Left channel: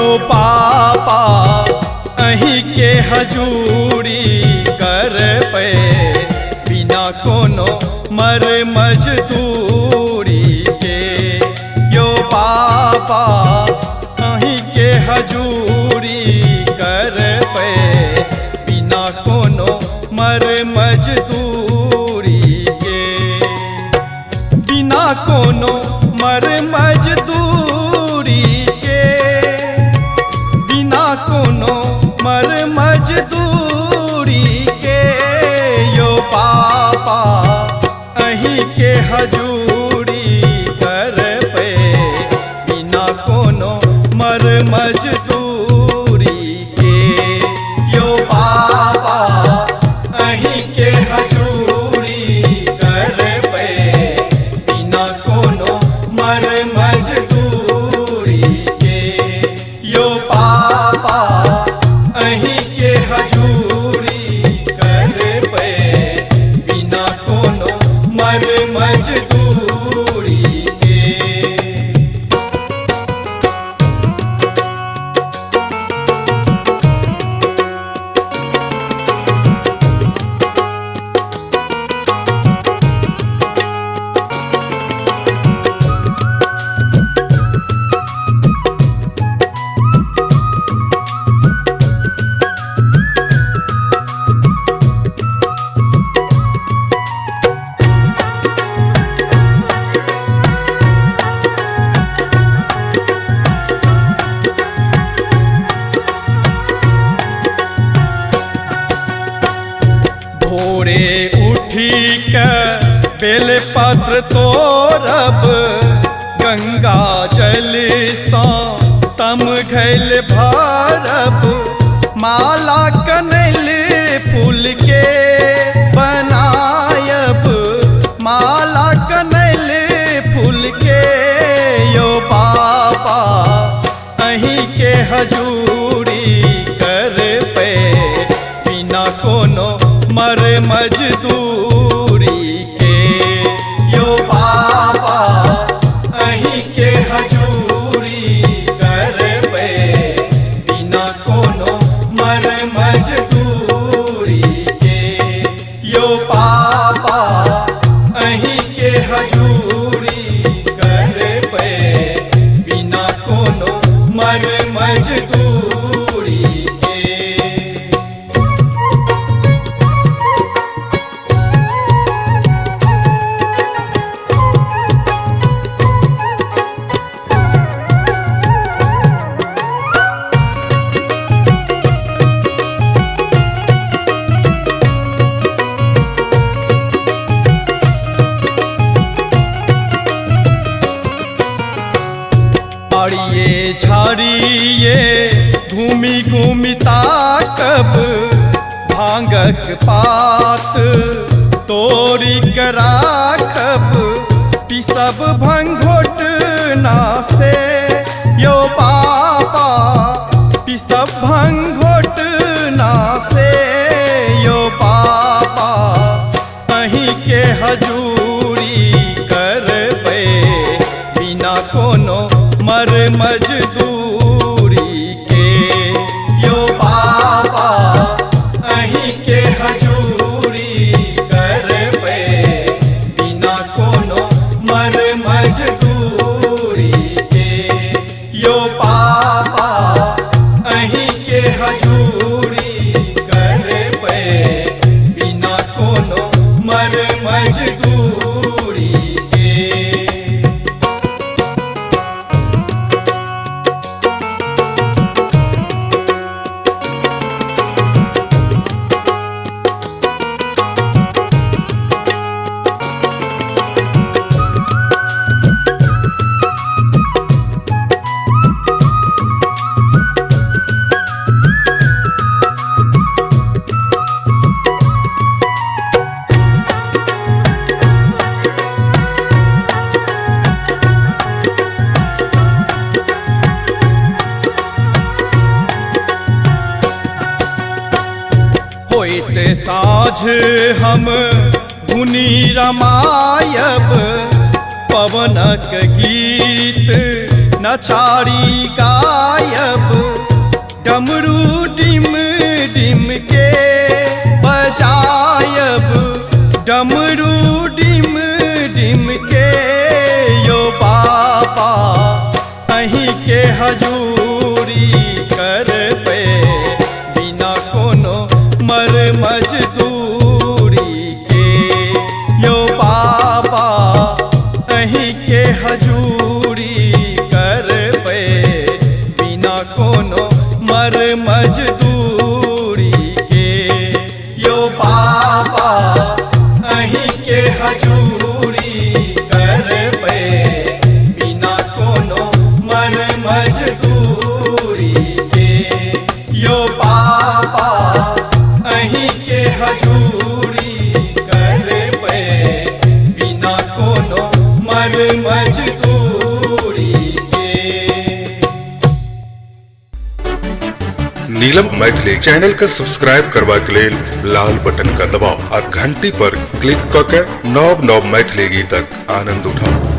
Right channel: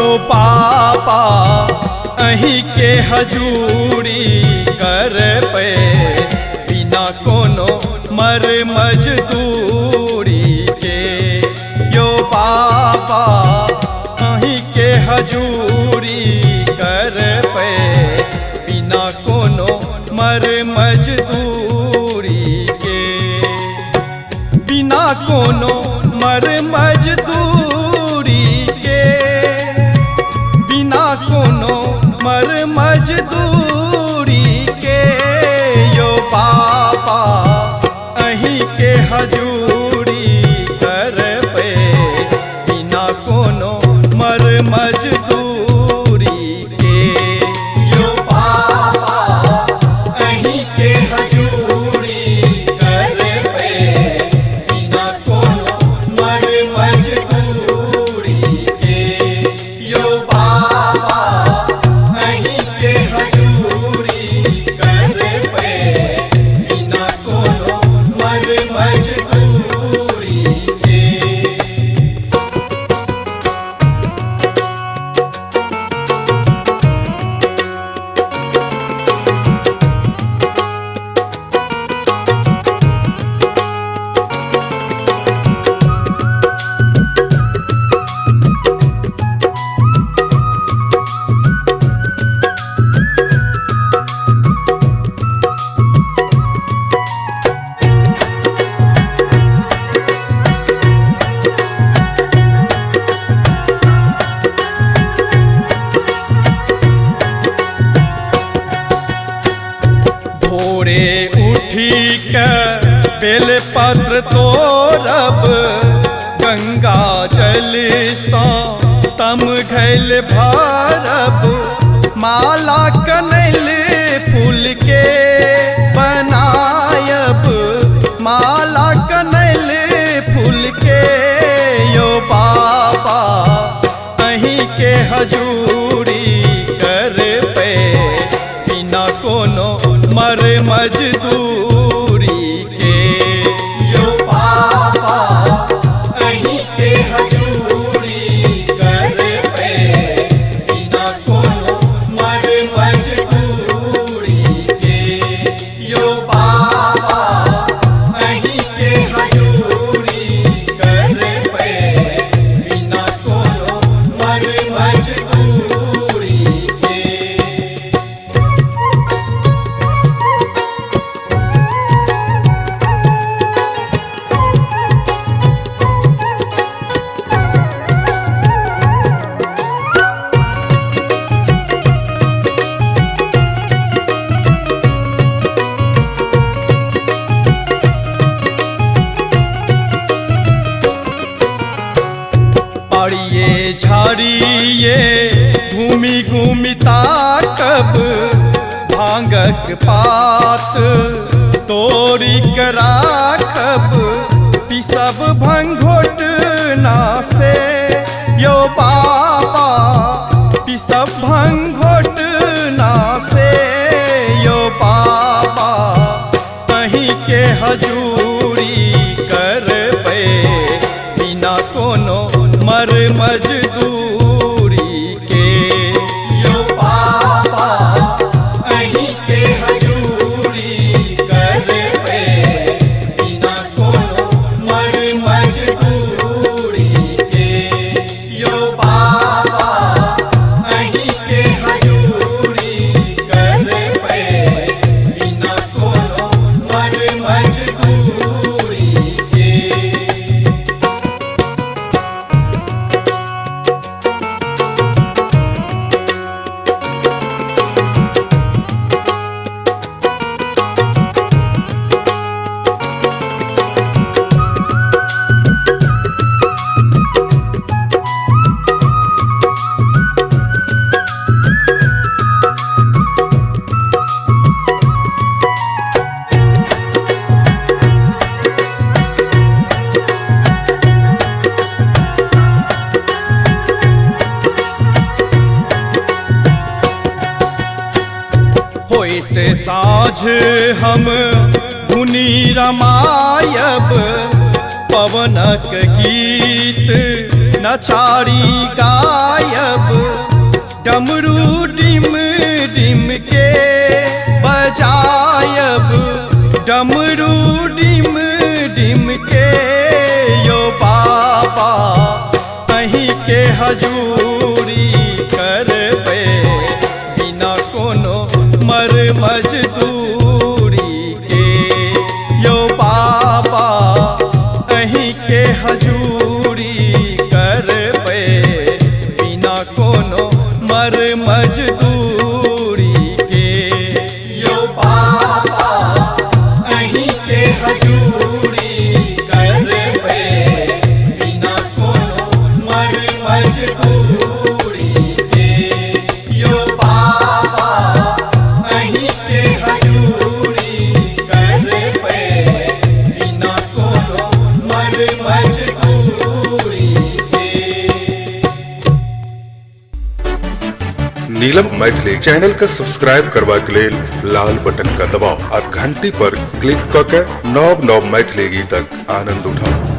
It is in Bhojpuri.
यो पापा अहीं के हजूरी कर पे बिना कोनो मर मजदूरी के। यो पापा अहीं के हजूरी कर पे बिना कोनो मर मजदूरी के। बिना कोनो मर मजदूरी के, बिना कोनो मर मजदूरी के। यो पापा अहीं के हजूरी कर पे बिना कोनो मर मजदूरी के। यो पापा अहीं के हजूरी कर पे बिना कोनो मर मजदूरी के। यो पापा अहीं के हजूरी कर पे बिना कोनो मर मजदूरी के। भोरे उठी के बेलपत्र तोरब, गंगा जल सा तम घैल भरब। माला कनैल फूल के बनायब, माला कनैल फूल के। यो पापा अहीं के हजूरी कर पे बिना कोनो मर मजदूरी के। यो पापा अहीं के हजूरी कर पे बिना कोनो मर मजदूरी के। यो पापा अहीं के हजूरी कर पे बिना कोनो मर मजदूरी के। आड़िए झाड़िए घूमी घूमी ताकब, भांगक पात तोरी कर राखब। पिसब भंगोट ना से यो पापा, पिसब भंगोट ना से। यो पापा अहीं के हजूरी कर पे बिना कोनो मर मजदूरी के। यो पापा अहीं के हजूरी कर पे बिना कोनो मर मजदूरी के। यो पापा अहीं के हजूरी कर पे बिना कोनो मर मजदूरी के। होइत साँझ हम धुनी रमायब, पवनक गीत नचारी गायब डमरू डिम डिम के बजायब डमरू डिम डिम के यो बाबा कहीं के हजूरी कर पे बिना कोनो मर मजदूरी के यो बाबा कहीं के हजूरी कर पे बिना कोनो मर मजदूरी के यो बाबा अहीं के हजूरी कर पे बिना कोनो मर मजदूरी के यो बाबा अहीं के हजूरी कर पे बिना कोनो मर मजदूरी के। नीलम मैथिली चैनल का सब्सक्राइब करवा के लेल लाल बटन का दबाव और घंटी पर क्लिक करके नव नव मैथिली गीतक आनंद उठाओ।